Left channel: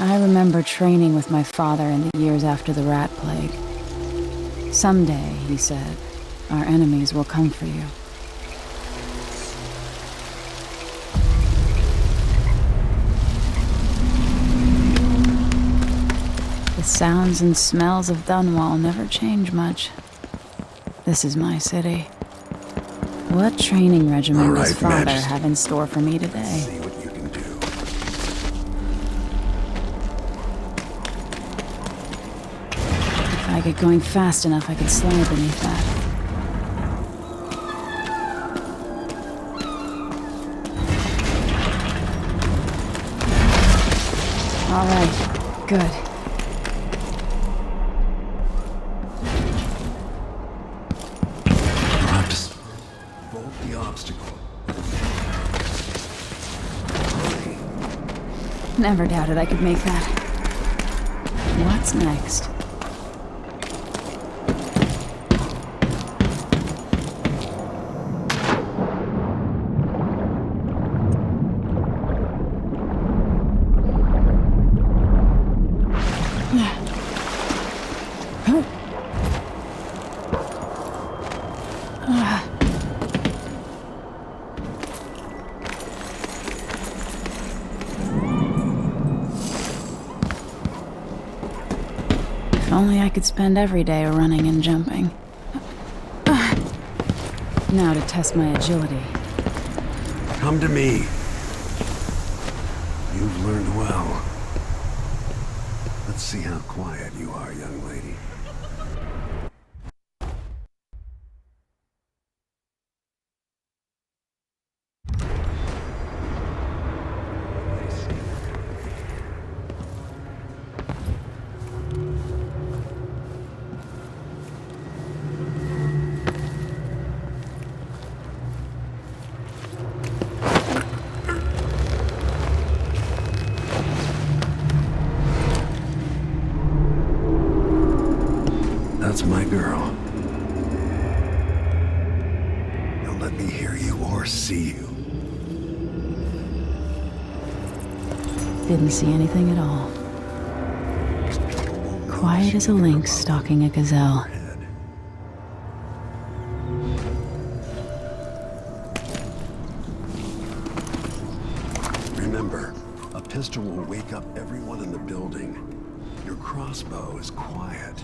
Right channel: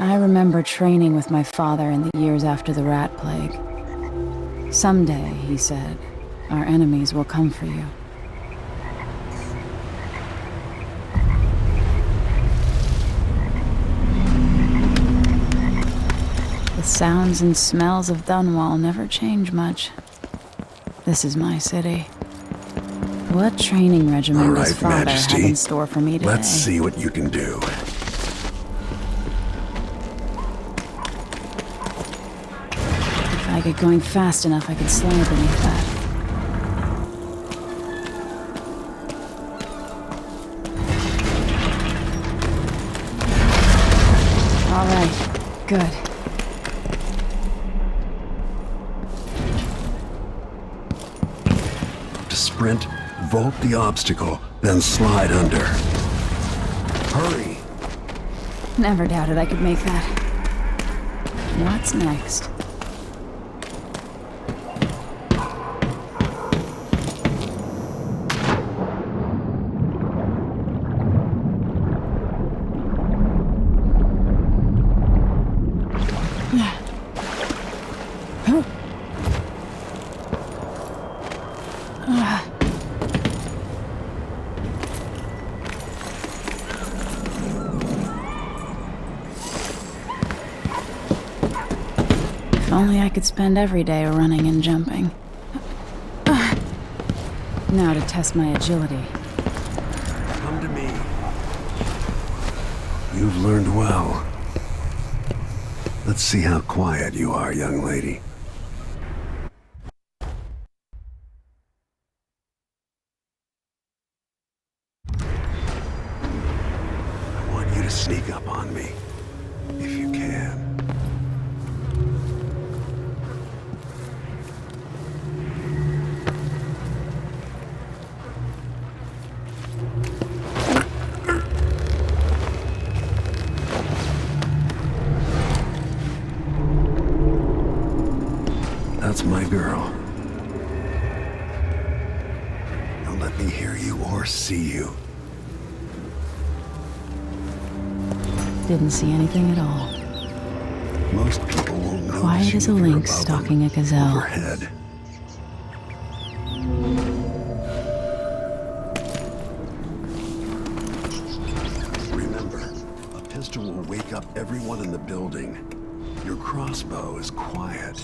I remember training with my father in the years after the rat plague. Someday, he said, our enemies will come for you. The sounds and smells of Dunwall never change much. This is my city. What training regimen does Father Majesty. have in store for me today? Let's see what you can do. If I get going fast enough, I could slide beneath that. All right, good. You'll have to sprint, vault the obstacle, then slide under. Hurry! Never doubted I could make that. What's next? If only I could spend every day running and jumping. Now to test my agility. Come to me. You've learned well. Let's see how quiet you are, young lady. I want you to sneak up on me, if you can. That's my girl. Don't let me hear you or see you. Didn't see anything at all. Most people won't notice Quiet you as a if you're lynx above stalking a them, gazelle. overhead. Remember, a pistol will wake up everyone in the building. Your crossbow is quiet.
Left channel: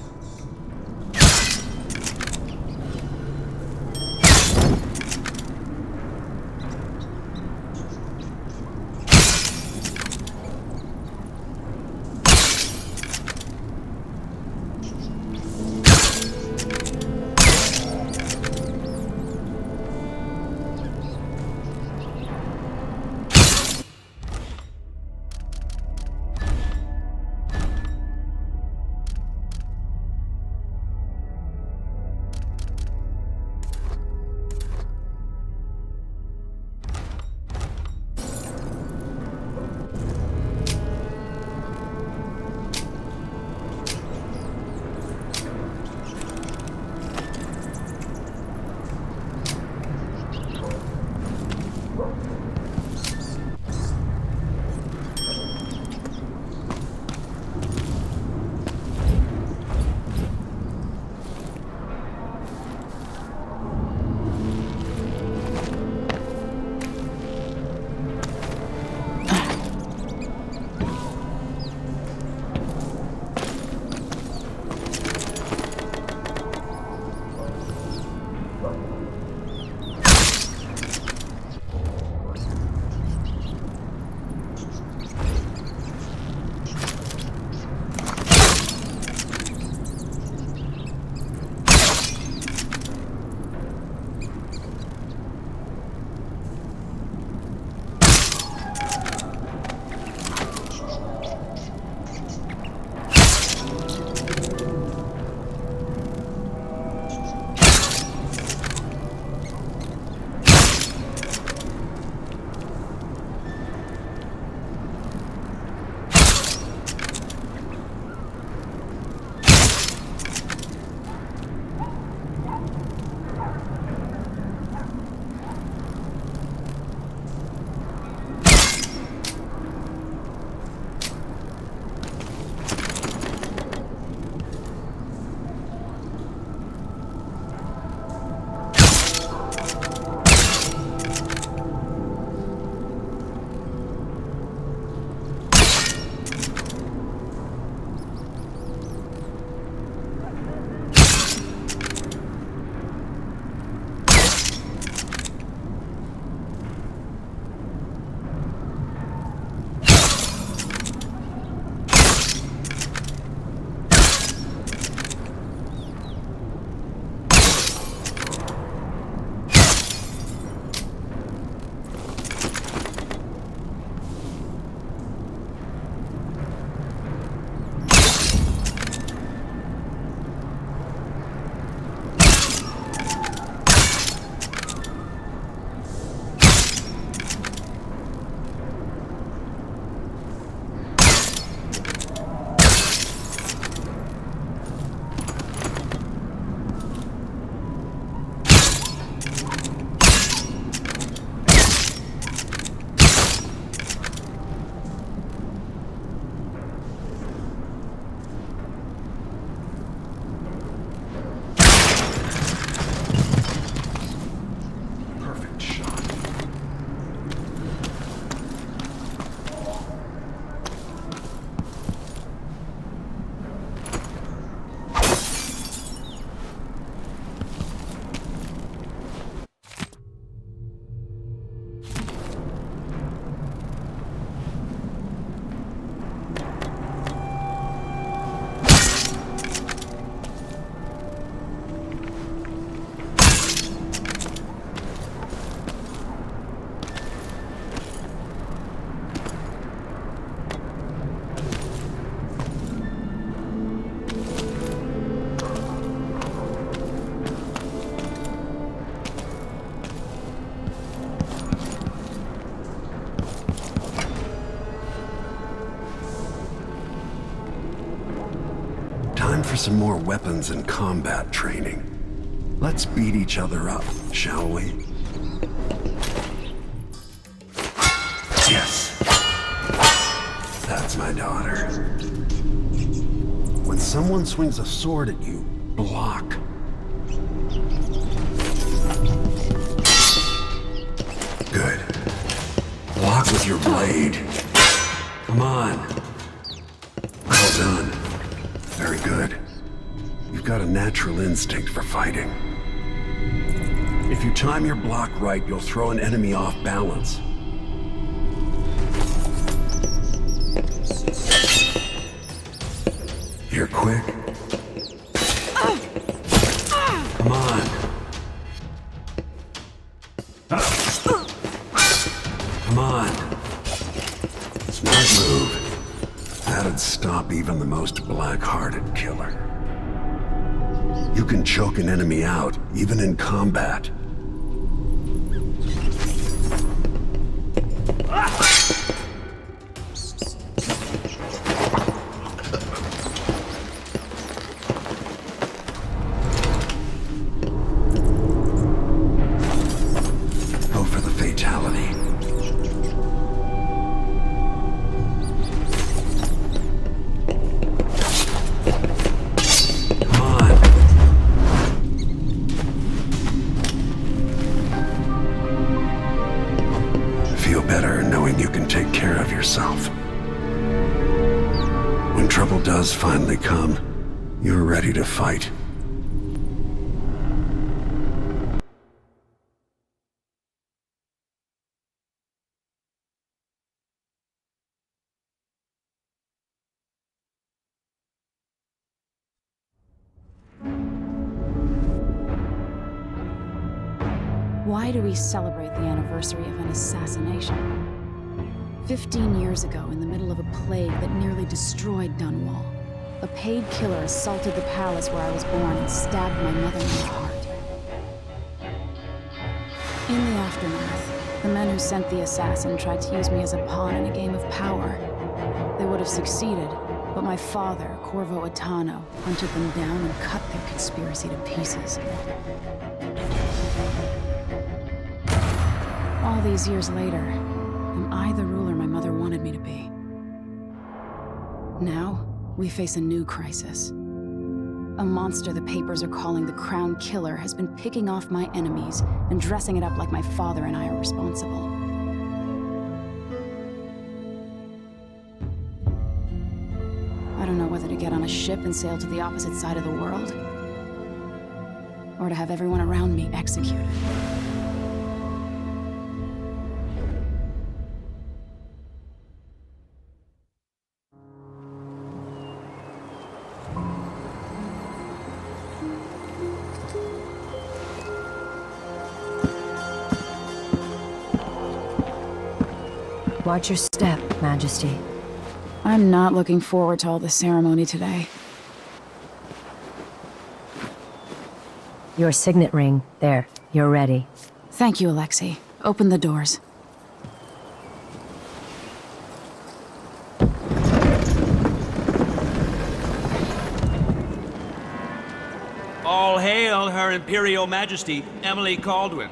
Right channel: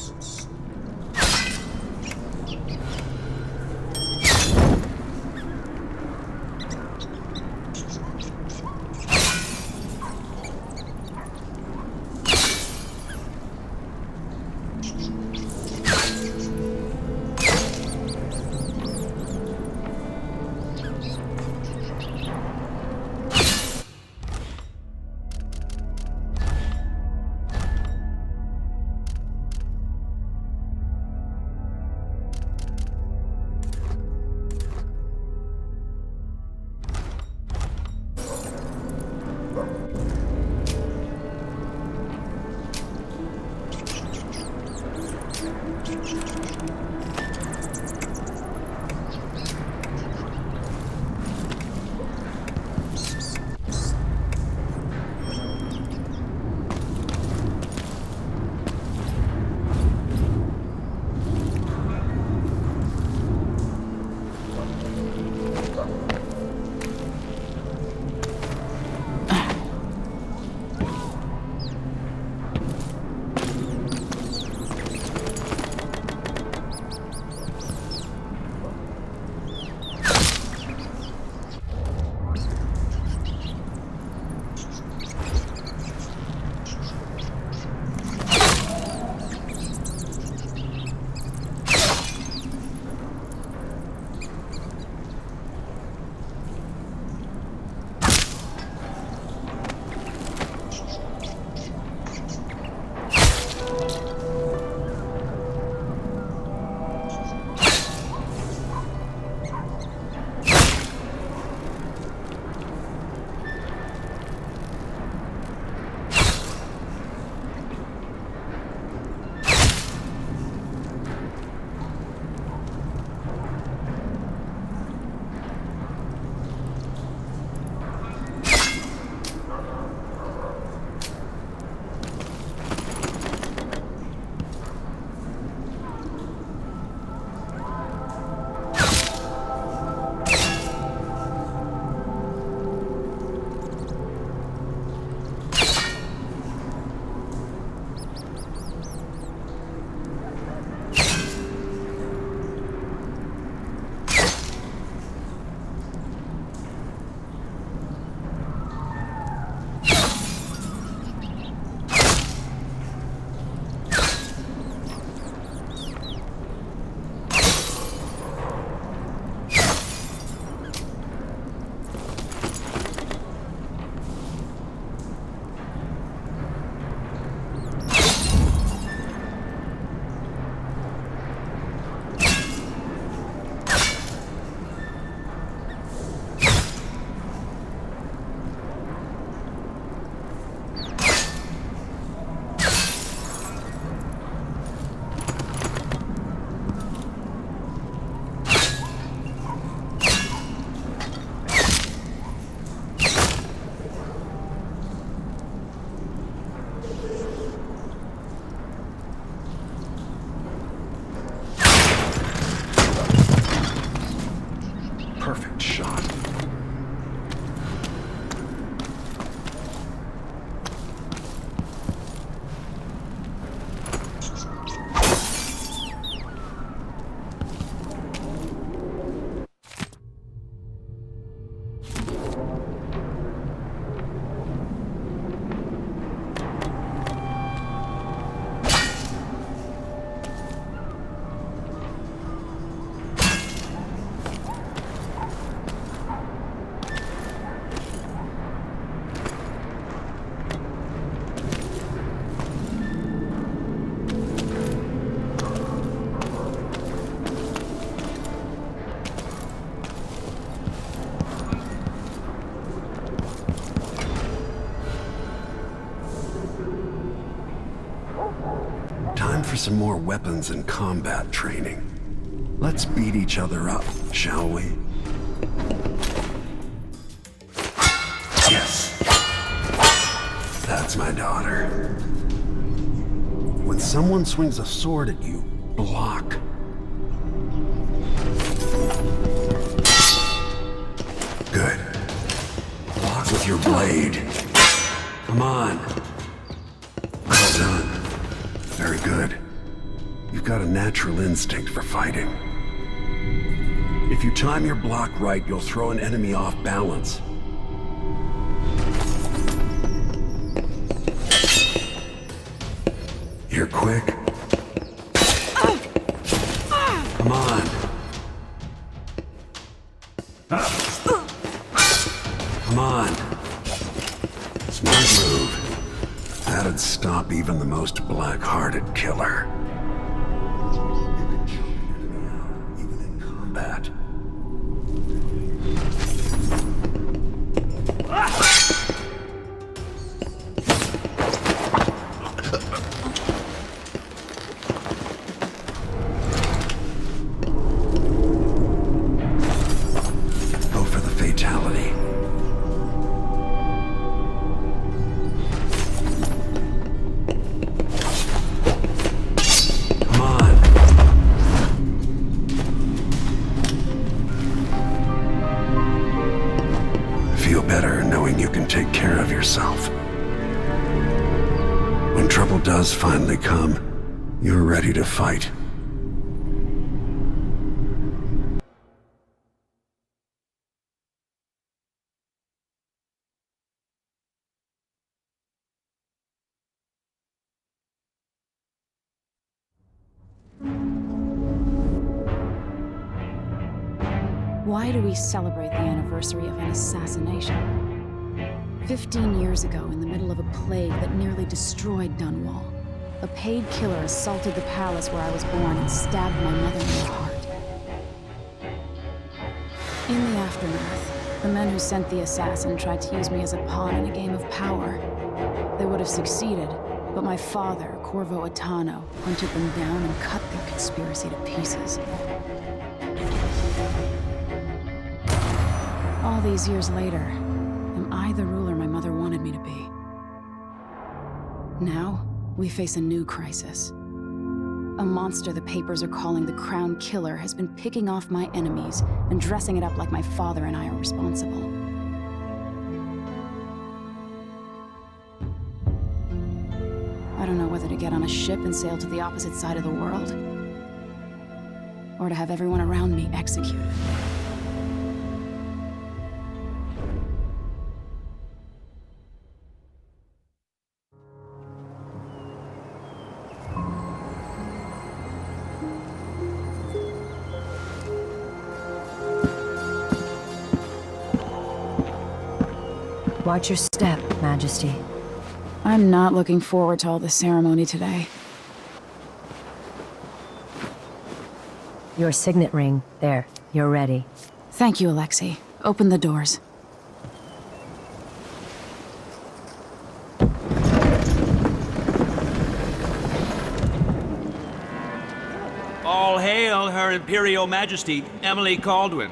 some more weapons and combat training. Let's beat each other up, shall we? Yes. That's my daughter. When someone swings a sword at you, block. Good. Block with your blade. Come on. Well done. Very good. You've got a natural instinct for fighting. If you time your block right, you'll throw an enemy off balance. You're quick. Come on. Come on. Smart move. That'd stop even the most black-hearted killer. You can choke an enemy out, even in combat. Go for the fatality. Come on. Feel better knowing you can take care of yourself. When trouble does finally come, you're ready to fight. Why do we celebrate the anniversary of an assassination? 15 years ago, in the middle of a plague that nearly destroyed Dunwall, a paid killer assaulted the palace where I was born and stabbed my mother in the heart. In the aftermath, the men who sent the assassin tried to use me as a pawn in a game of power. They would have succeeded, but my father, Corvo Attano, hunted them down and cut their conspiracy to pieces. All these years later, am I the ruler my mother wanted me to be? Now, we face a new crisis. A monster the papers are calling the Crown Killer has been picking off my enemies and dressing it up like my father and I are responsible. I don't know whether to get on a ship and sail to the opposite side of the world, or to have everyone around me executed. Watch your step, Majesty. I'm not looking forward to all the ceremony today. Your signet ring. There, you're ready. Thank you, Alexei. Open the doors. All hail Her Imperial Majesty, Emily Caldwin.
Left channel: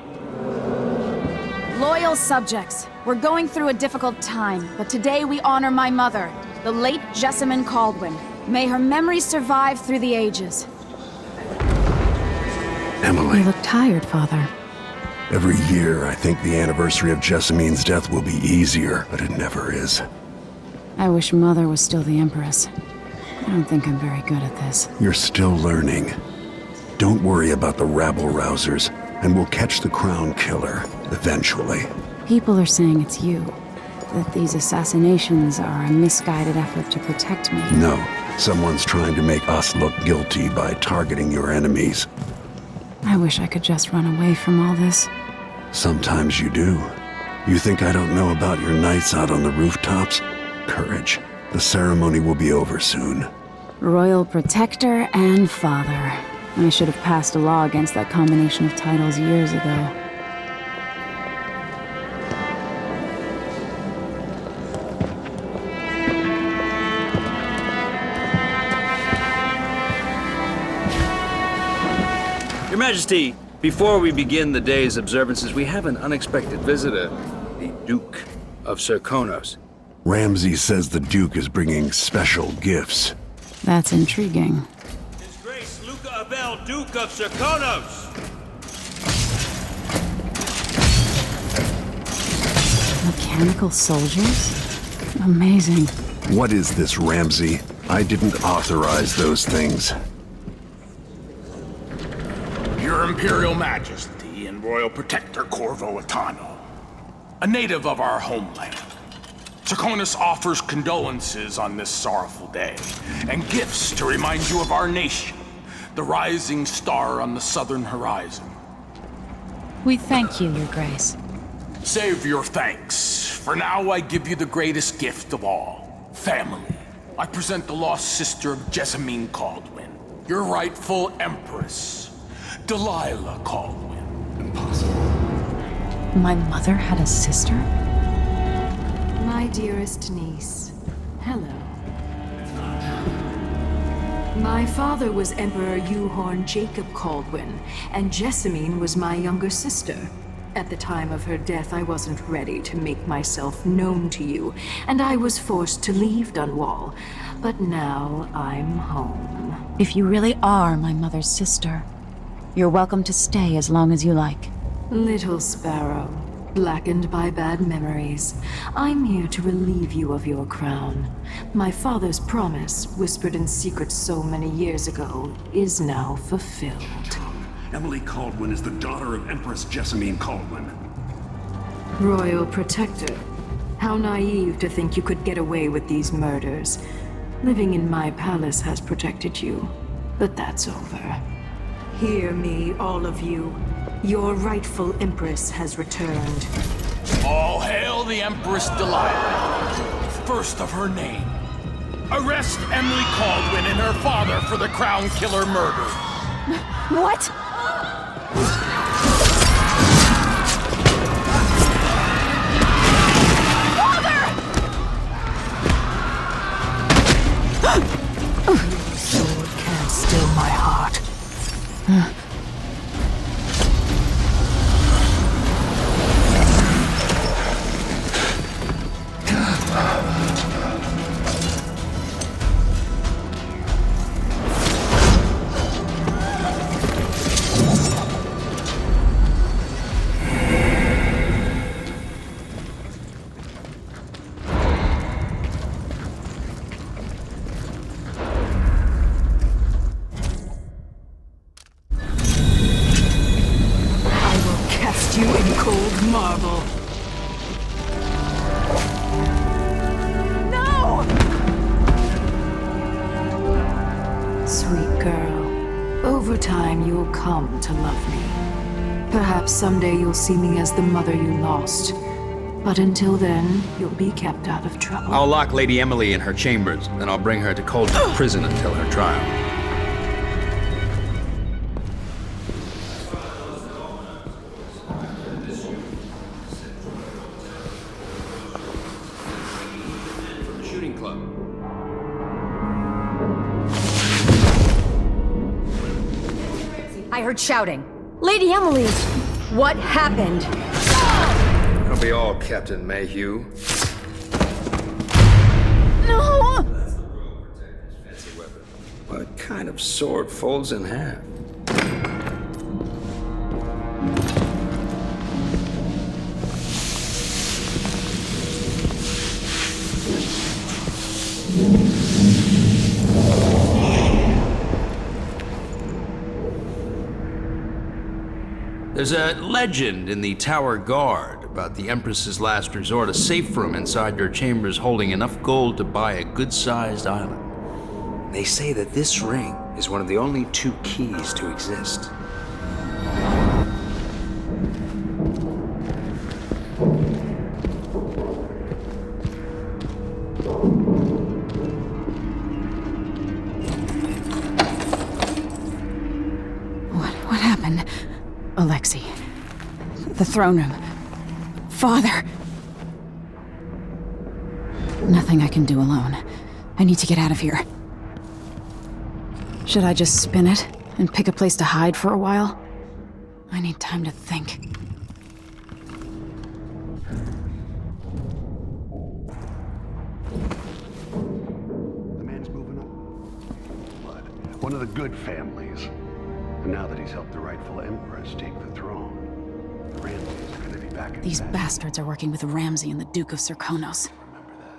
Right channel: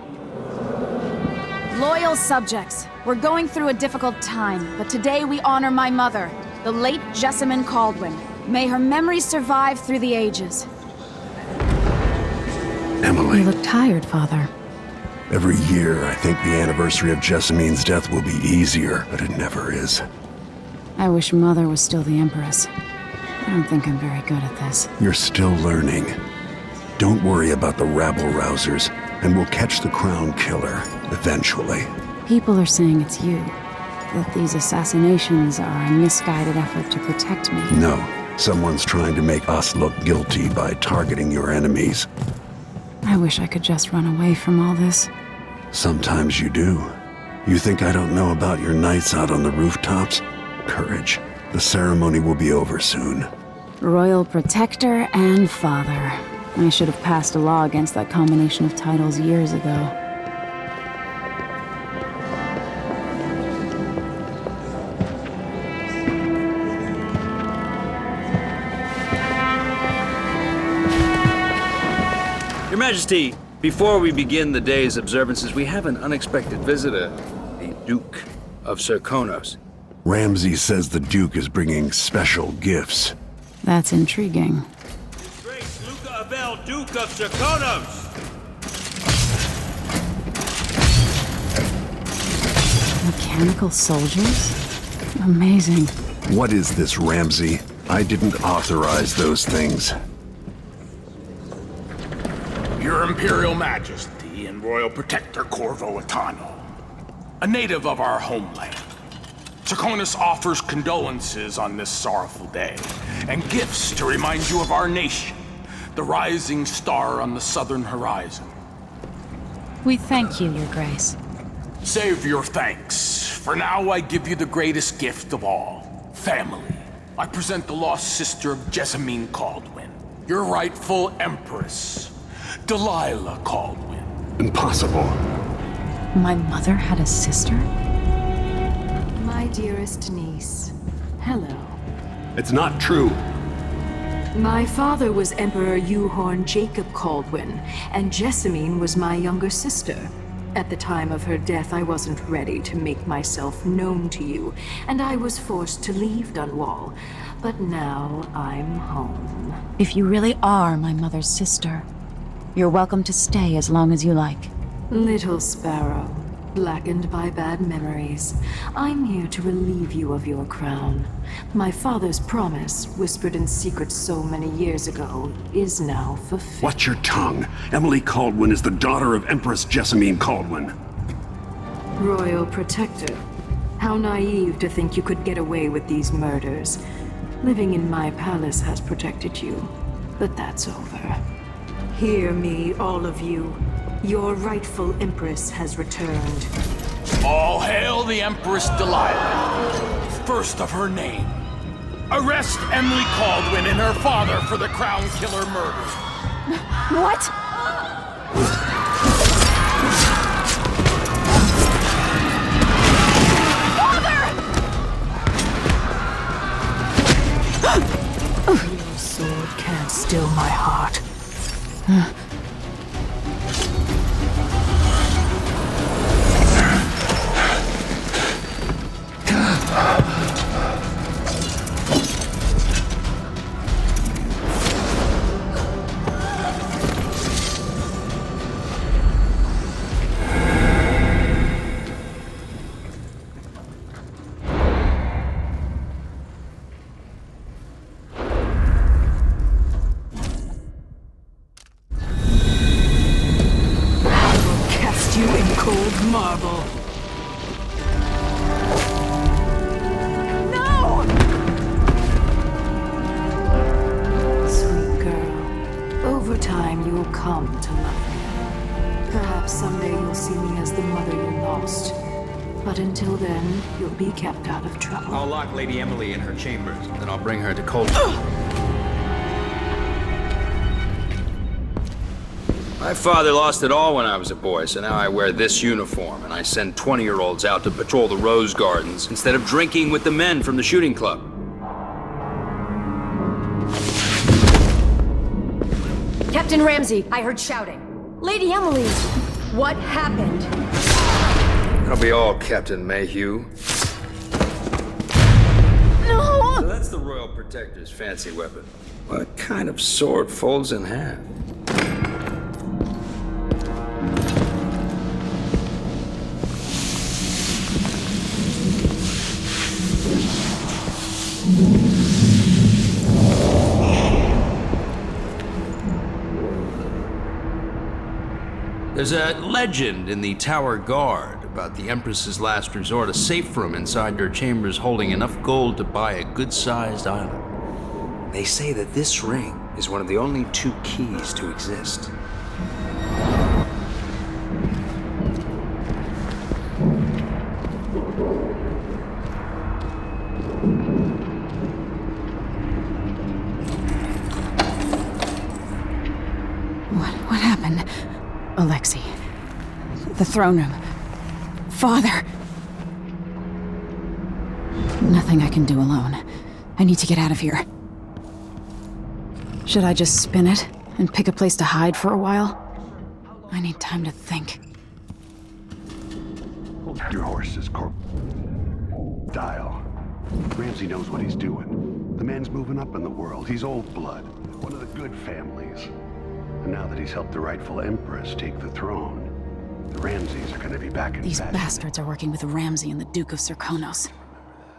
Loyal subjects, we're going through a difficult time, but today we honor my mother, the late Jessamine Caldwin. May her memory survive through the ages. Emily. You look tired, Father. Every year, I think the anniversary of Jessamine's death will be easier, but it never is. I wish Mother was still the Empress. I don't think I'm very good at this. You're still learning. Don't worry about the rabble-rousers, and we'll catch the Crown Killer, eventually. People are saying it's you. That these assassinations are a misguided effort to protect me. No, someone's trying to make us look guilty by targeting your enemies. I wish I could just run away from all this. Sometimes you do. You think I don't know about your nights out on the rooftops? Courage. The ceremony will be over soon. Royal Protector and Father. I should have passed a law against that combination of titles years ago. Your Majesty, before we begin the day's observances, we have an unexpected visitor, the Duke of Serkonos. Ramsey says the Duke is bringing special gifts. That's intriguing. His Grace Luca Abel, Duke of Serkonos! Mechanical soldiers? Amazing. What is this, Ramsey? I didn't authorize those things. Your Imperial Majesty and Royal Protector Corvo Atano, a native of our homeland. Serkonos offers condolences on this sorrowful day, and gifts to remind you of our nation, the rising star on the southern horizon. We thank you, Your Grace. Save your thanks. For now, I give you the greatest gift of all, family. I present the lost sister of Jessamine Caldwin, your rightful Empress, Delilah Caldwin. Impossible. My mother had a sister? My dearest niece, hello. It's not true. My father was Emperor Uhorn Jacob Caldwin, and Jessamine was my younger sister. At the time of her death, I wasn't ready to make myself known to you, and I was forced to leave Dunwall. But now I'm home. If you really are my mother's sister, you're welcome to stay as long as you like. Little sparrow, blackened by bad memories, I'm here to relieve you of your crown. My father's promise, whispered in secret so many years ago, is now fulfilled. Watch your tongue. Emily Caldwin is the daughter of Empress Jessamine Caldwin. Royal Protector, how naive to think you could get away with these murders. Living in my palace has protected you, but that's over. Hear me, all of you. Your rightful Empress has returned. All hail the Empress Delilah, first of her name. Arrest Emily Caldwin and her father for the Crown Killer murder. What? Your sword can't still my heart. You in cold marble. No! Sweet girl, over time you'll come to love me. Perhaps someday you'll see me as the mother you lost. But until then, you'll be kept out of trouble. I'll lock Lady Emily in her chambers, then I'll bring her to Coldstream Prison until her trial. My father lost it all when I was a boy, so now I wear this uniform, and I send 20-year-olds out to patrol the rose gardens instead of drinking with the men from the shooting club. Captain Ramsey, I heard shouting. Lady Emily, what happened? That'll be all, Captain Mayhew. No! So that's the Royal Protector's fancy weapon. What kind of sword folds in half? There's a legend in the Tower Guard about the Empress's last resort, a safe room inside your chambers holding enough gold to buy a good-sized island. They say that this ring is one of the only 2 keys to exist. What happened? Alexei. The throne room. Father! Nothing I can do alone. I need to get out of here. Should I just spin it and pick a place to hide for a while? I need time to think. Your horse is dial. Ramsey knows what he's doing. The man's moving up in the world. He's old blood, one of the good families. And now that he's helped the rightful Empress take the throne, the Ramseys are gonna be back in These fashion. bastards are working with Ramsey and the Duke of Serkonos. Remember that.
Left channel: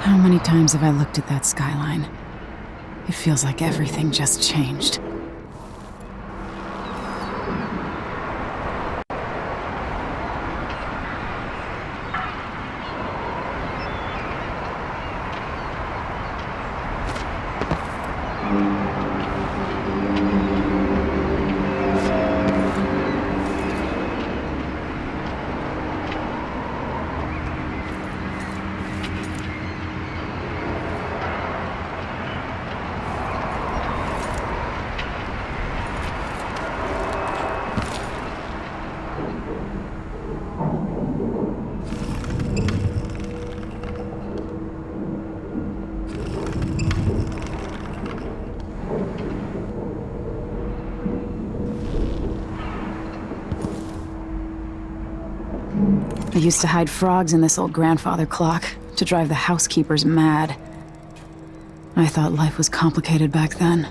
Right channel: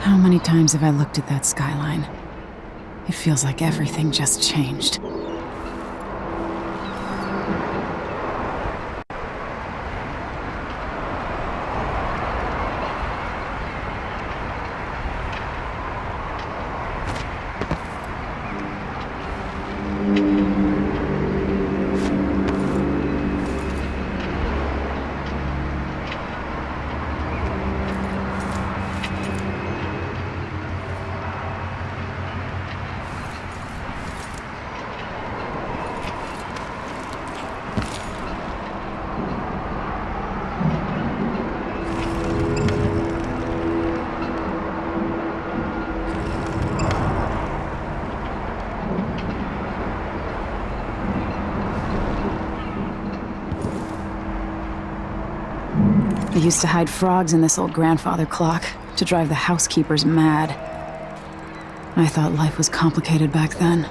How many times have I looked at that skyline? It feels like everything just changed. I used to hide frogs in this old grandfather clock to drive the housekeepers mad. I thought life was complicated back then.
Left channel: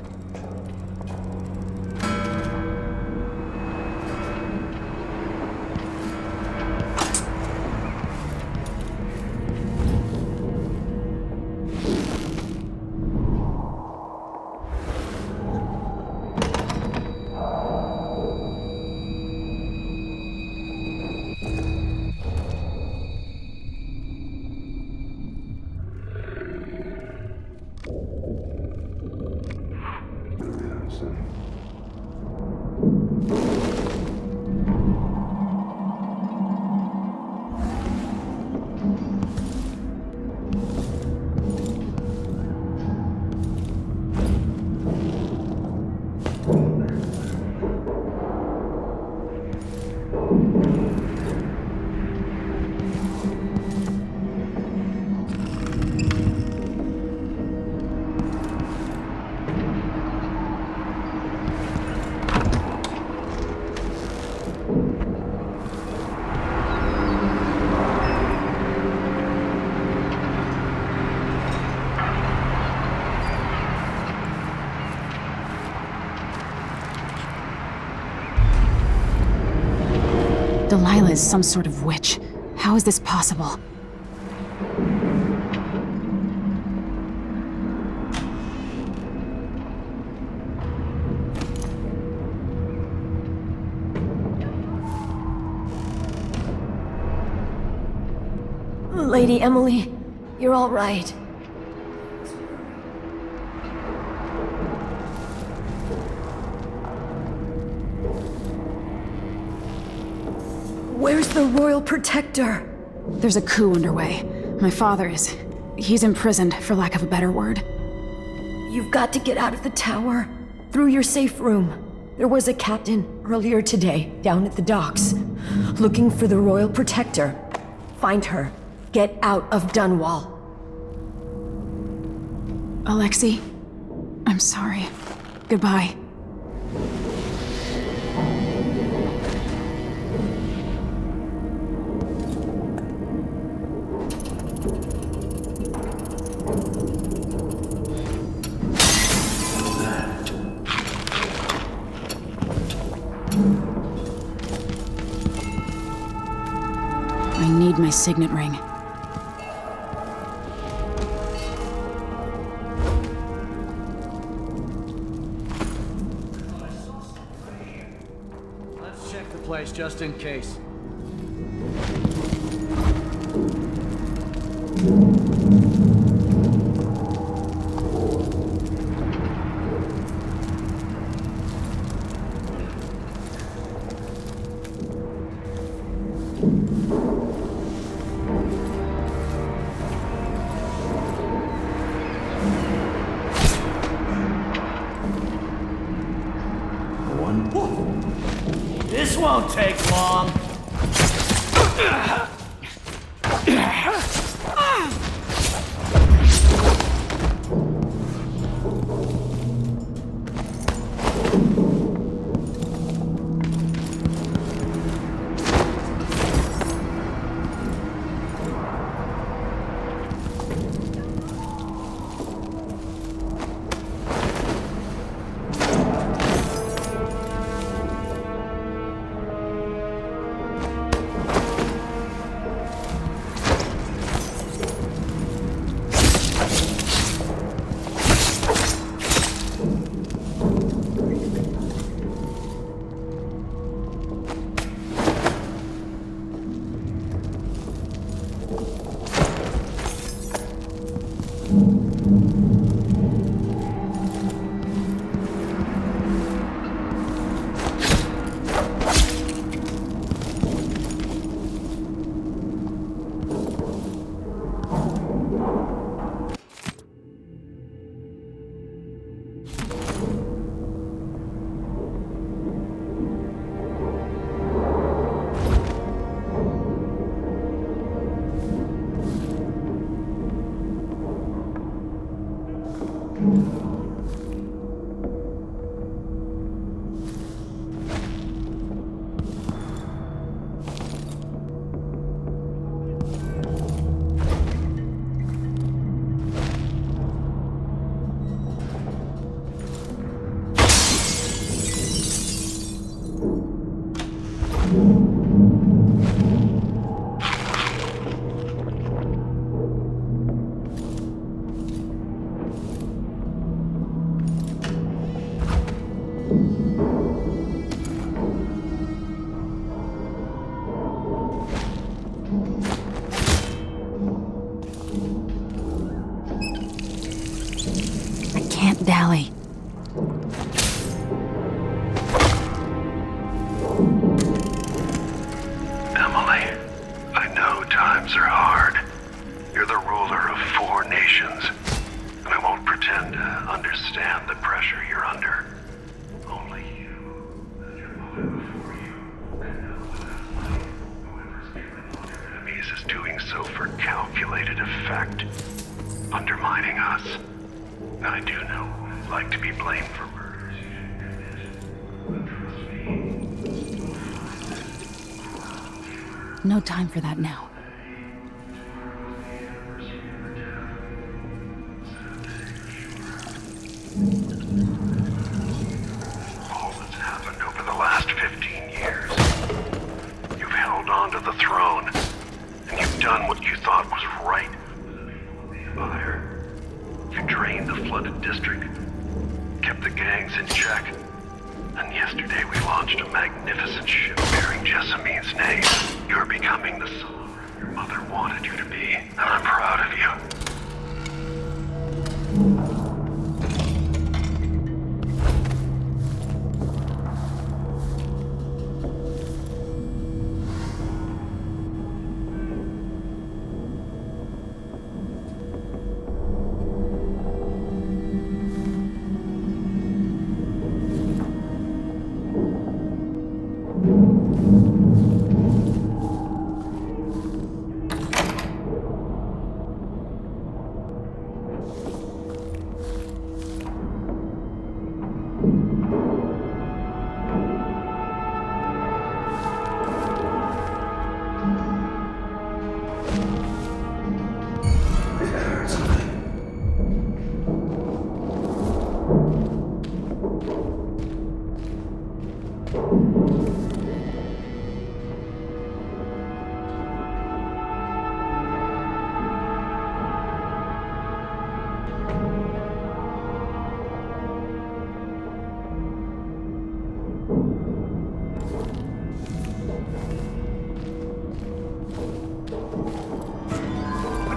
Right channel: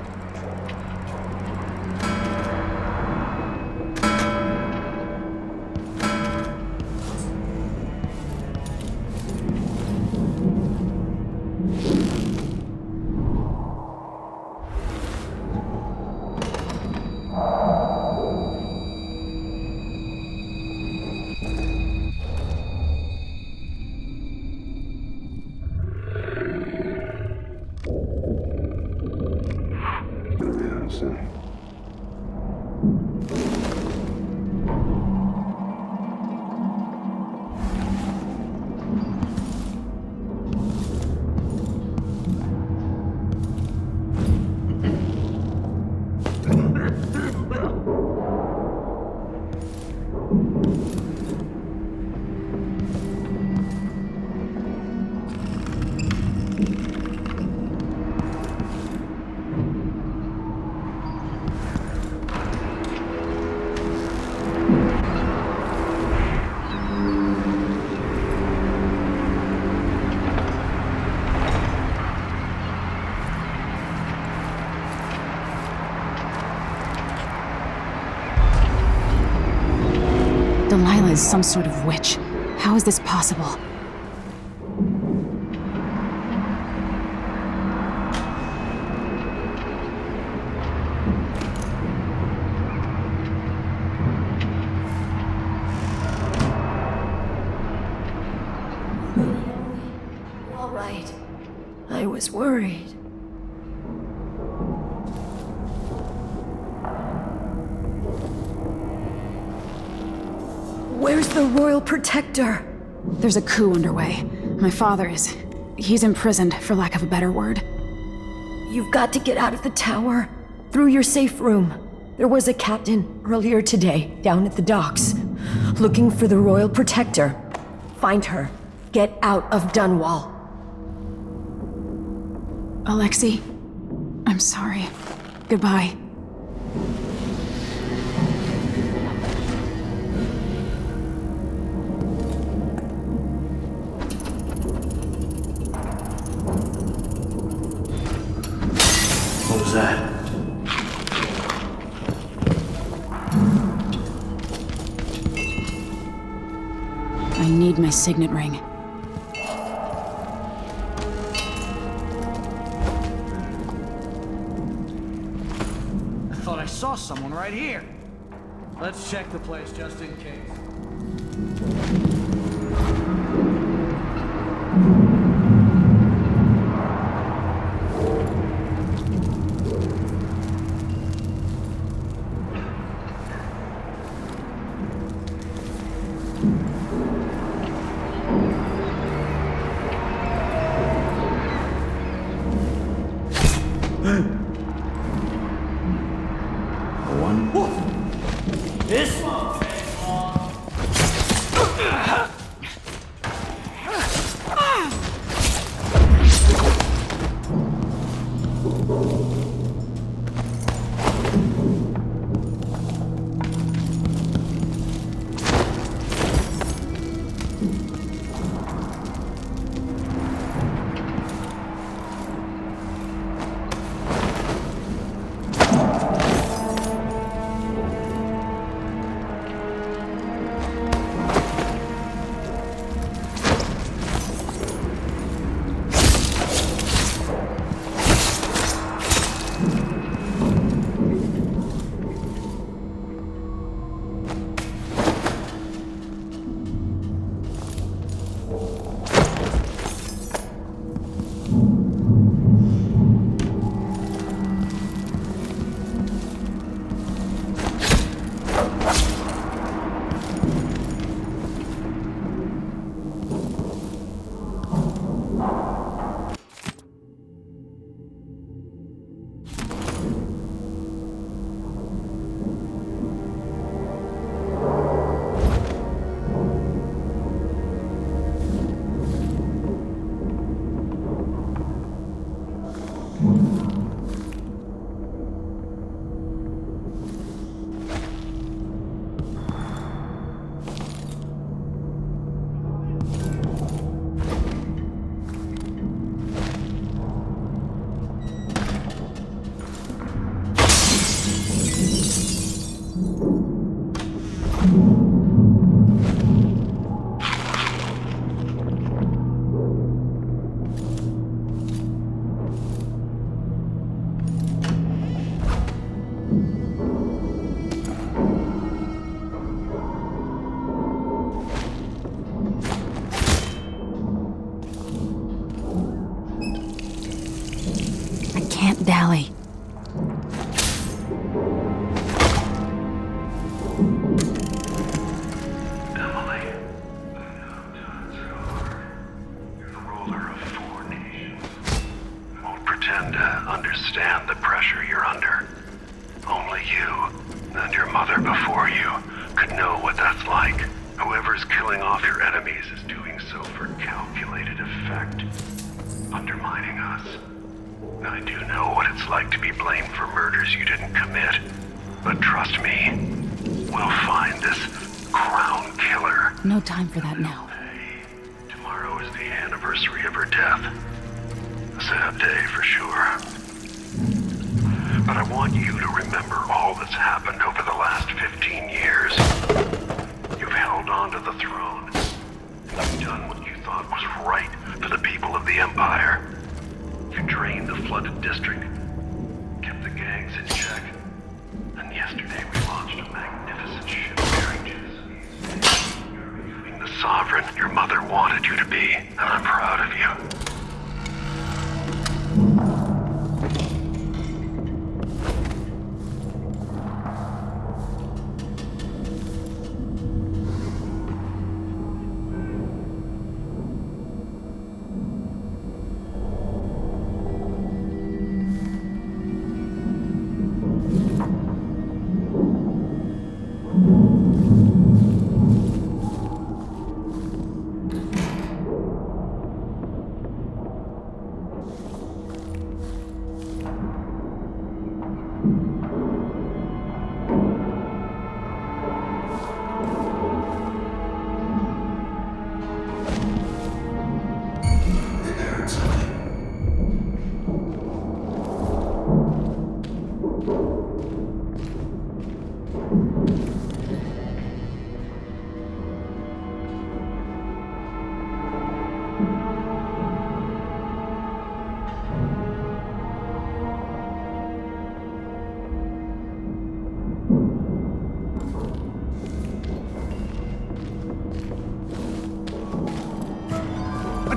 Delilah is some sort of witch. How is this possible? Lady Emily, you're all right. I was worried. Where's the Royal Protector? There's a coup underway. My father is... he's imprisoned, for lack of a better word. You've got to get out of the tower. Through your safe room. There was a captain earlier today, down at the docks, looking for the Royal Protector. Find her. Get out of Dunwall. Alexei, I'm sorry. Goodbye. What was that? I need my signet ring. Thought I saw someone right here. Let's check the place just in case. This won't take long. Can't dally. Emily, I know times are hard. You're the ruler of 4 nations. And I won't pretend to understand the pressure you're under. Only you, and your mother before you, could know what that's like. Whoever's killing off your enemies is doing so for calculated effect. Undermining us. I do know what it's like to be blamed for murders you didn't commit. But trust me, we'll find this crown killer. No time for that now. Tomorrow is the anniversary of her death. A sad day for sure. But I want you to remember all that's happened over the last 15 years. You've held on to the throne, and you've done what you thought was right for the people of the Empire. You drained the flooded district, kept the gangs in check, and yesterday we launched a magnificent ship bearing Jessamine's name. You're becoming the sovereign your mother wanted you to be, and I'm proud of you.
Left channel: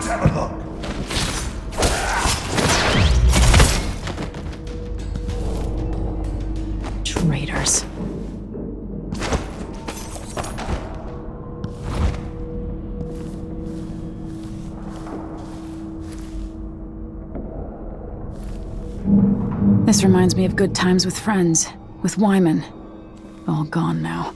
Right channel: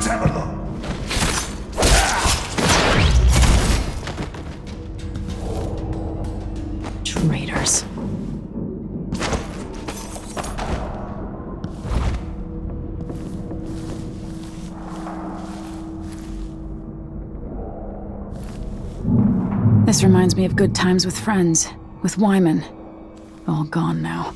Let's have a look. Traitors. This reminds me of good times with friends, with Wyman. All gone now.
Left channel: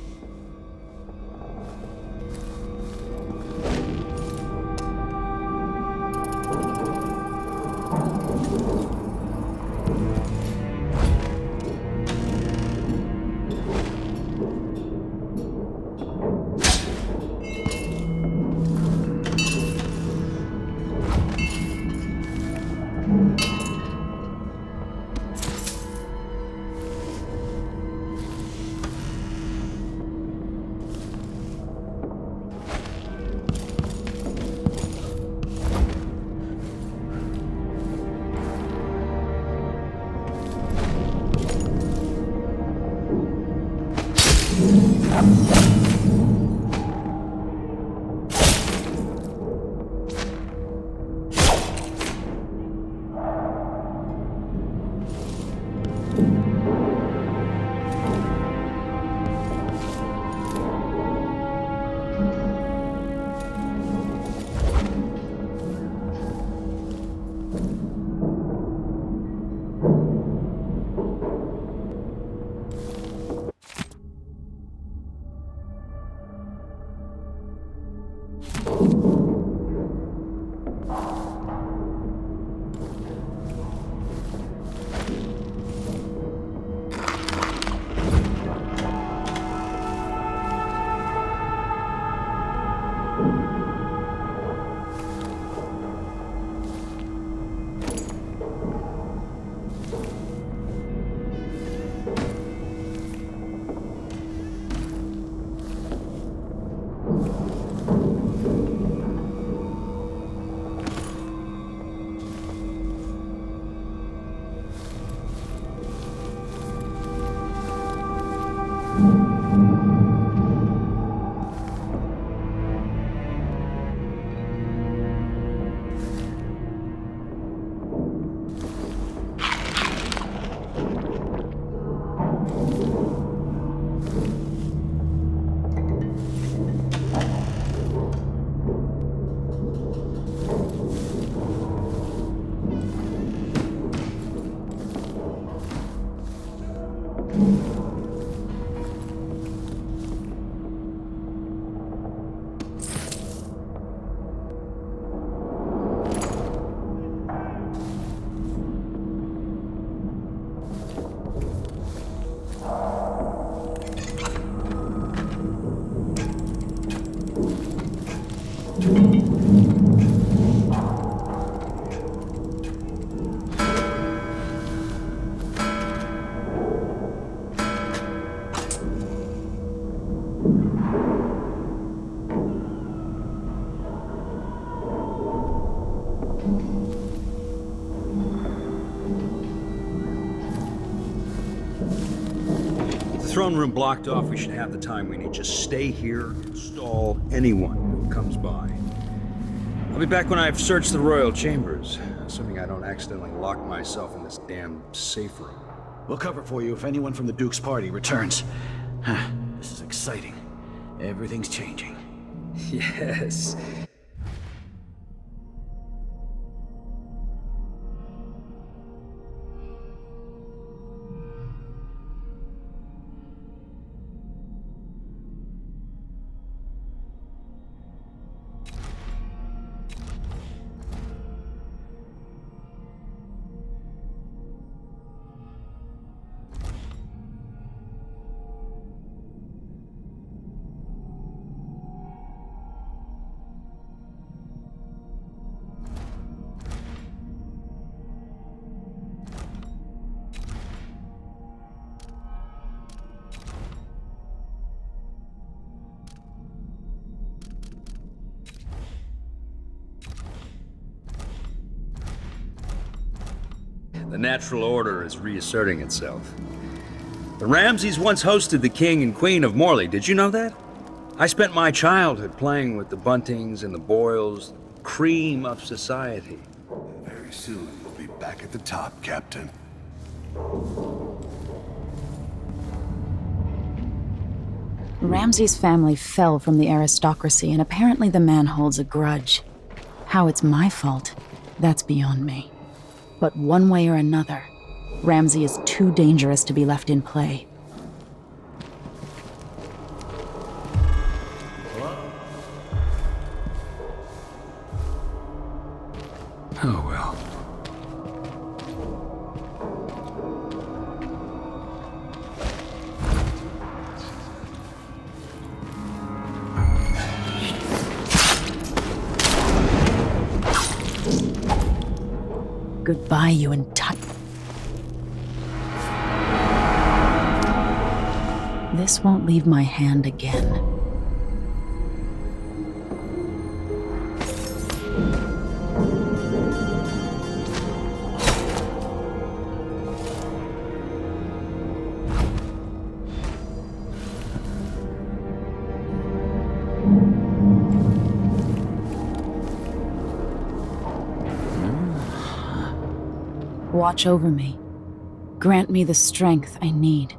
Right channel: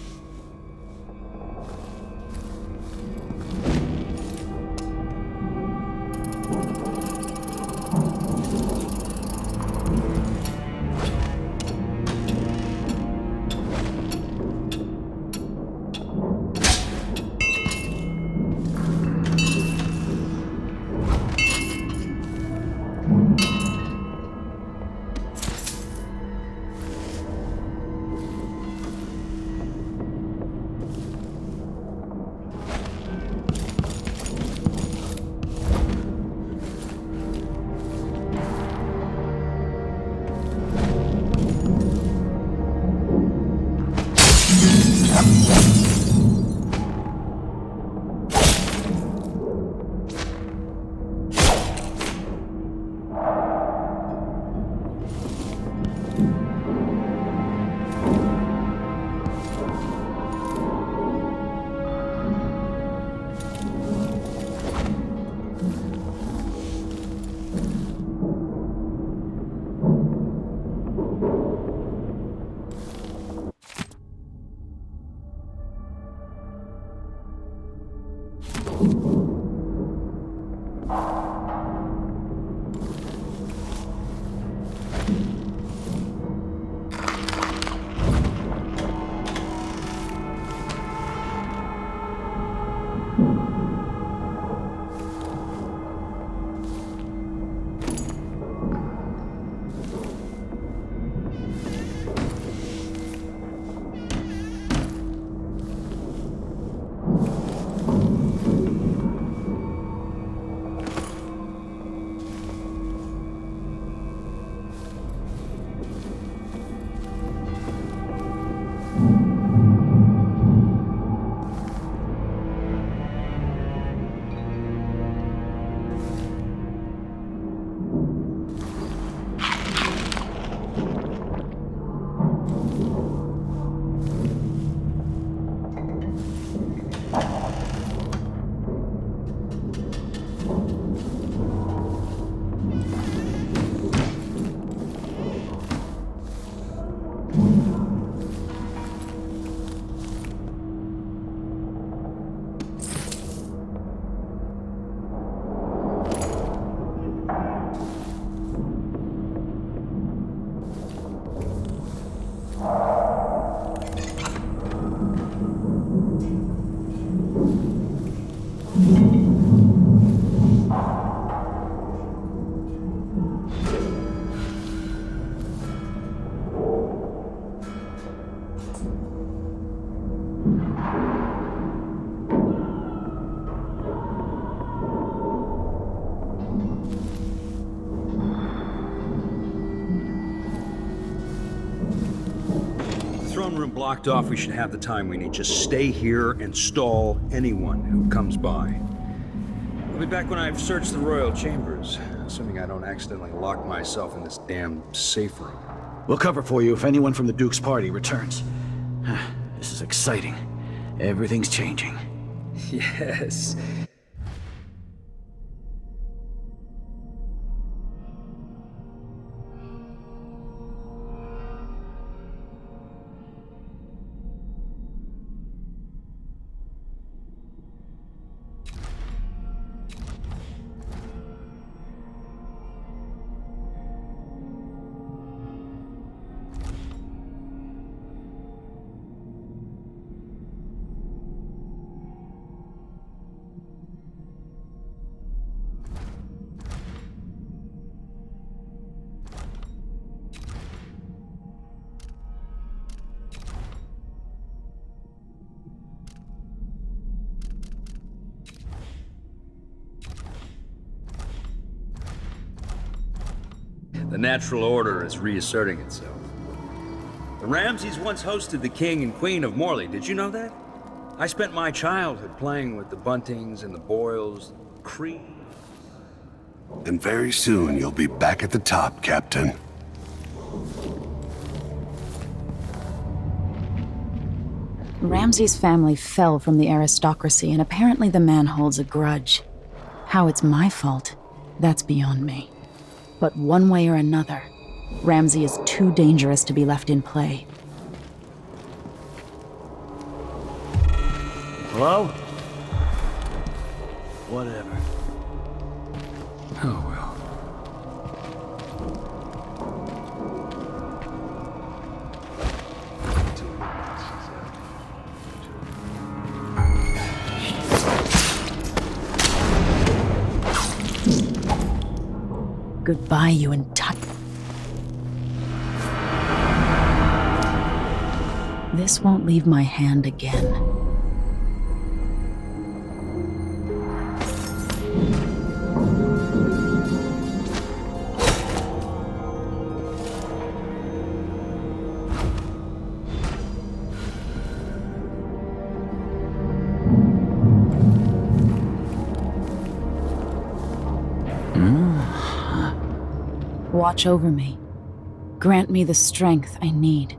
Throne room blocked off, we should have the time we need. Just stay here and stall anyone who comes by. I'll be back when I've searched the royal chambers, assuming I don't accidentally lock myself in this damn safe room. We'll cover for you if anyone from the Duke's party returns. This is exciting. Everything's changing. Yes. The natural order is reasserting itself. The Ramseys once hosted the King and Queen of Morley. Did you know that? I spent my childhood playing with the Buntings and the Boyles. cream of society. And very soon you'll be back at the top, Captain. Ramsay's family fell from the aristocracy, and apparently the man holds a grudge. How it's my fault, that's beyond me. But one way or another, Ramsay is too dangerous to be left in play. Hello? Whatever. Oh well. Goodbye, you entitled. This won't leave my hand again. Watch over me. Grant me the strength I need.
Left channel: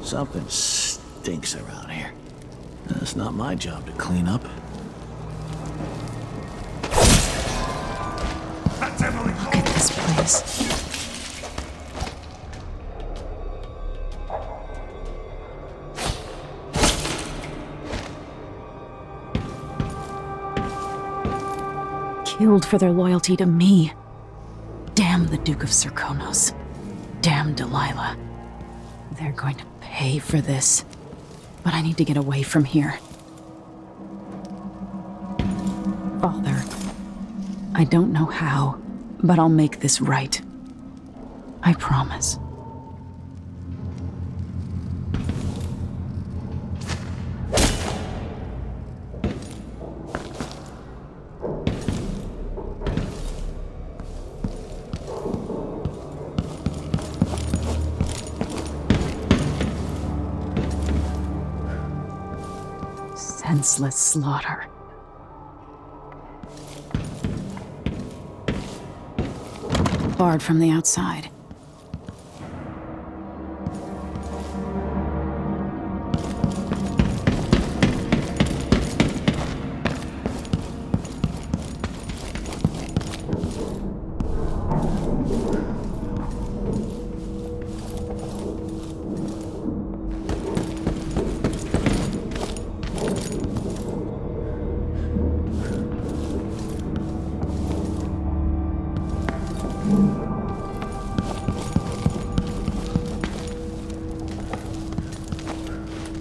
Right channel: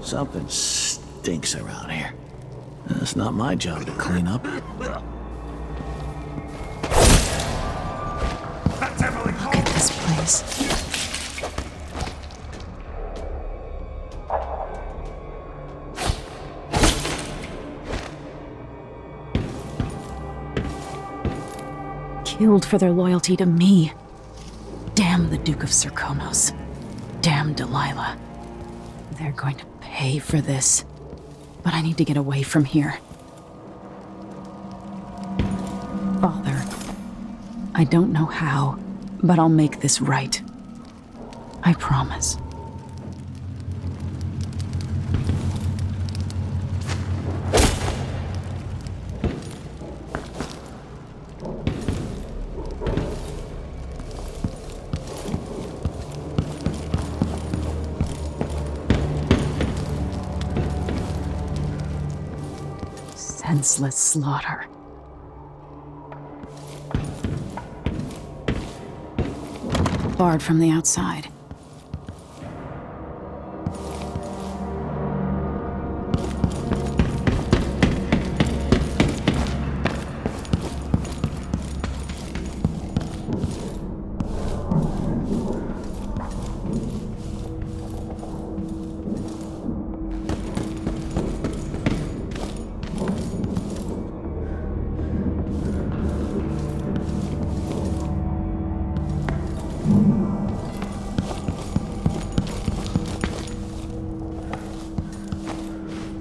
Something stinks around here. It's not my job to clean up. Look at this place. Killed for their loyalty to me. Damn the Duke of Serkonos. Damn Delilah. They're going to pay for this. But I need to get away from here. Father, I don't know how, but I'll make this right. I promise. Senseless slaughter. Barred from the outside.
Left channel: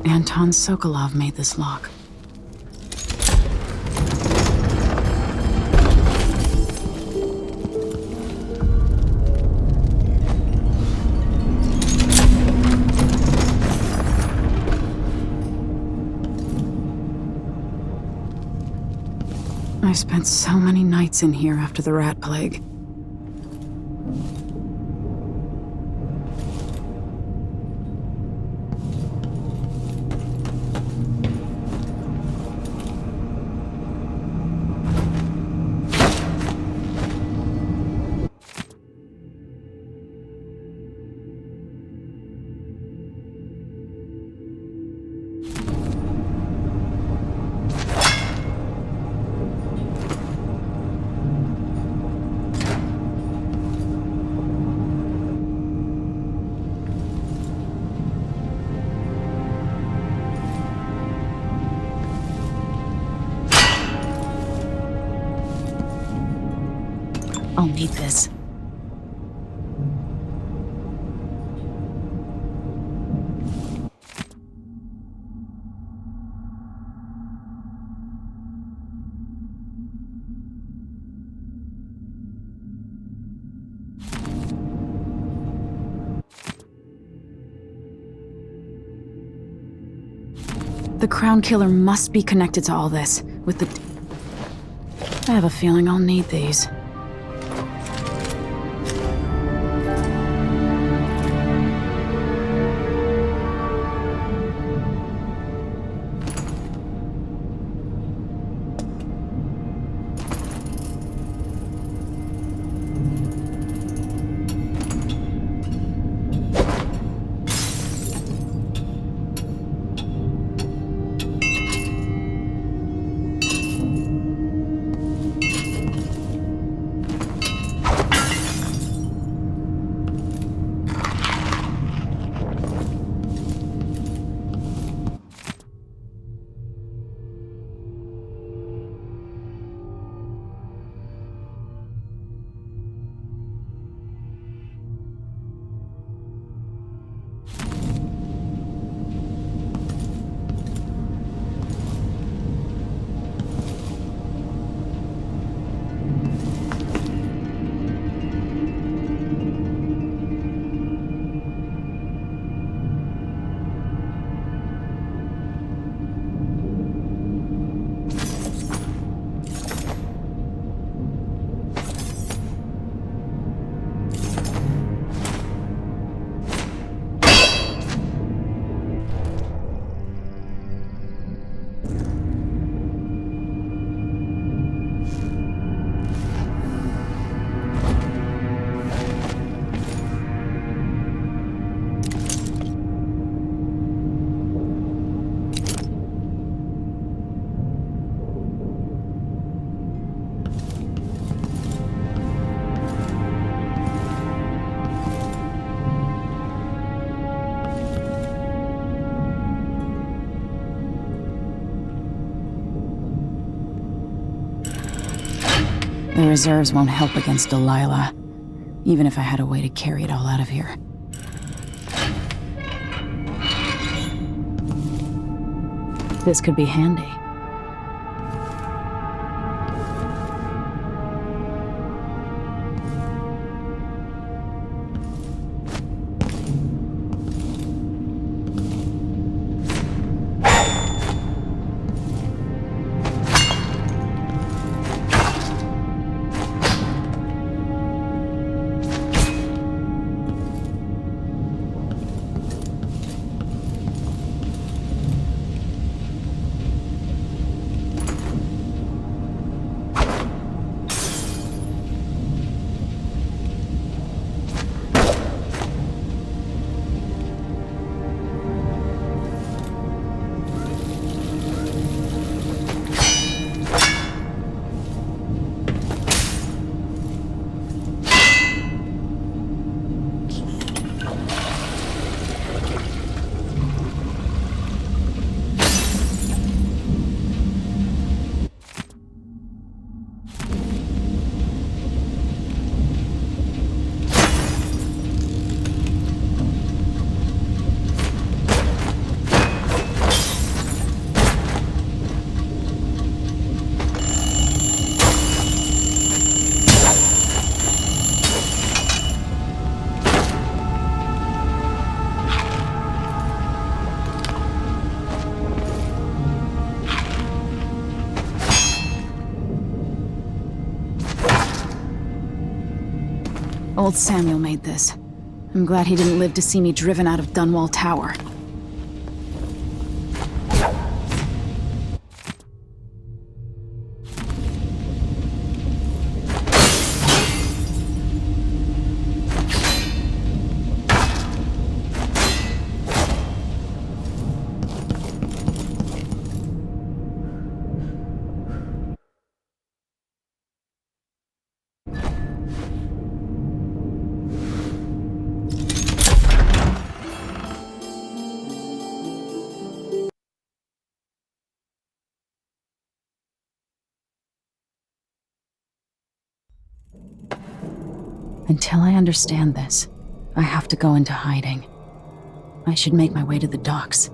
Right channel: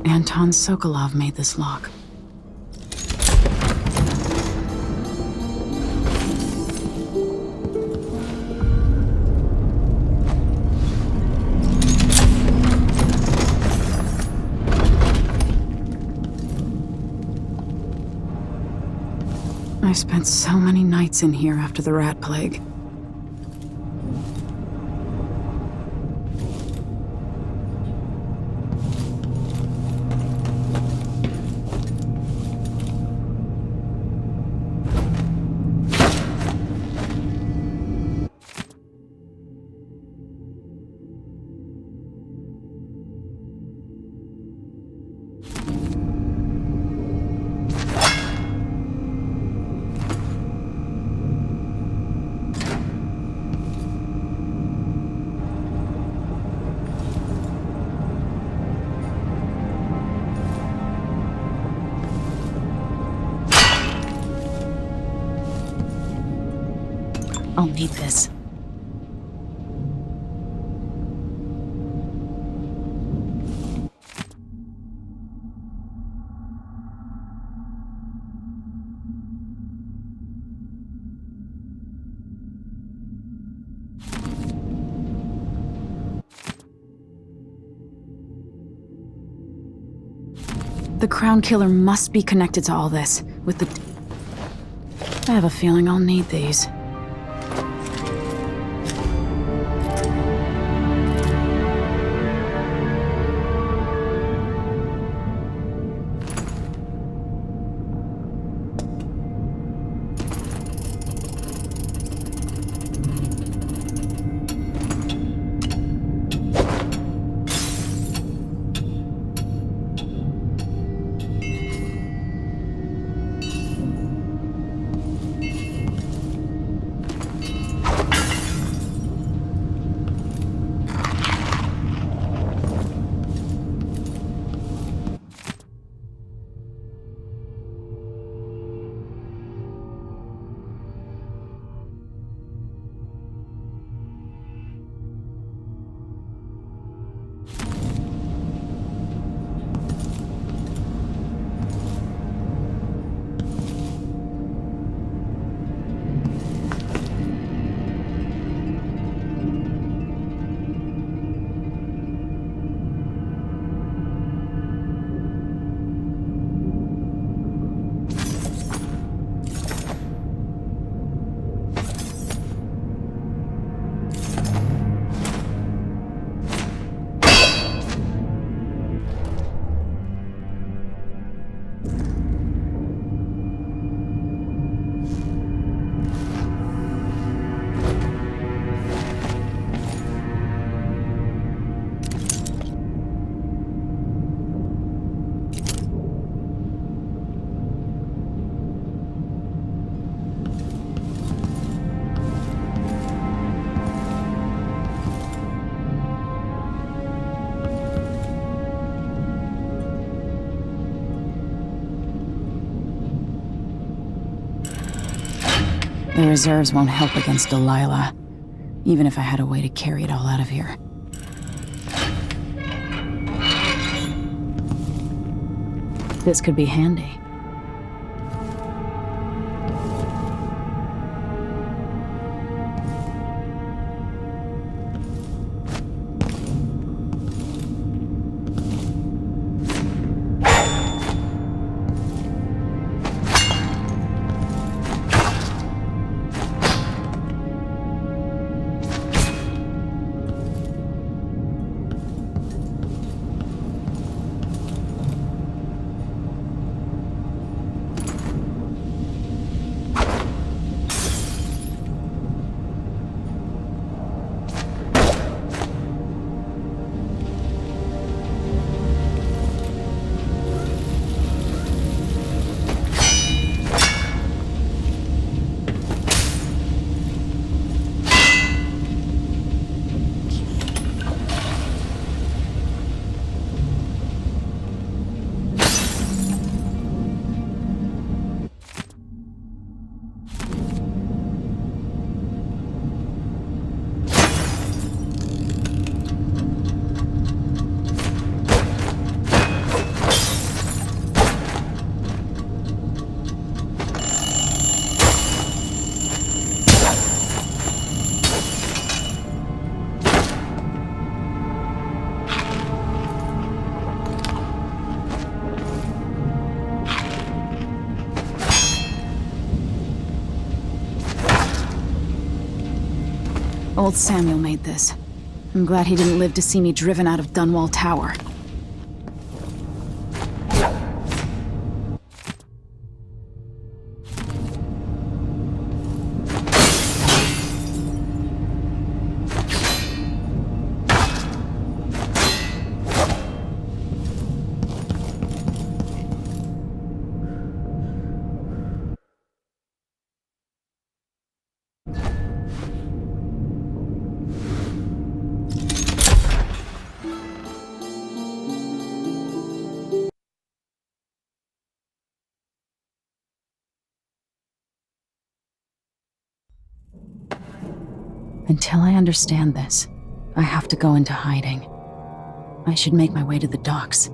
Anton Sokolov made this lock. I spent so many nights in here after the rat plague. I'll need this. The Crown Killer must be connected to all this, with the... I have a feeling I'll need these. The reserves won't help against Delilah, even if I had a way to carry it all out of here. This could be handy. Old Samuel made this. I'm glad he didn't live to see me driven out of Dunwall Tower. Until I understand this, I have to go into hiding. I should make my way to the docks.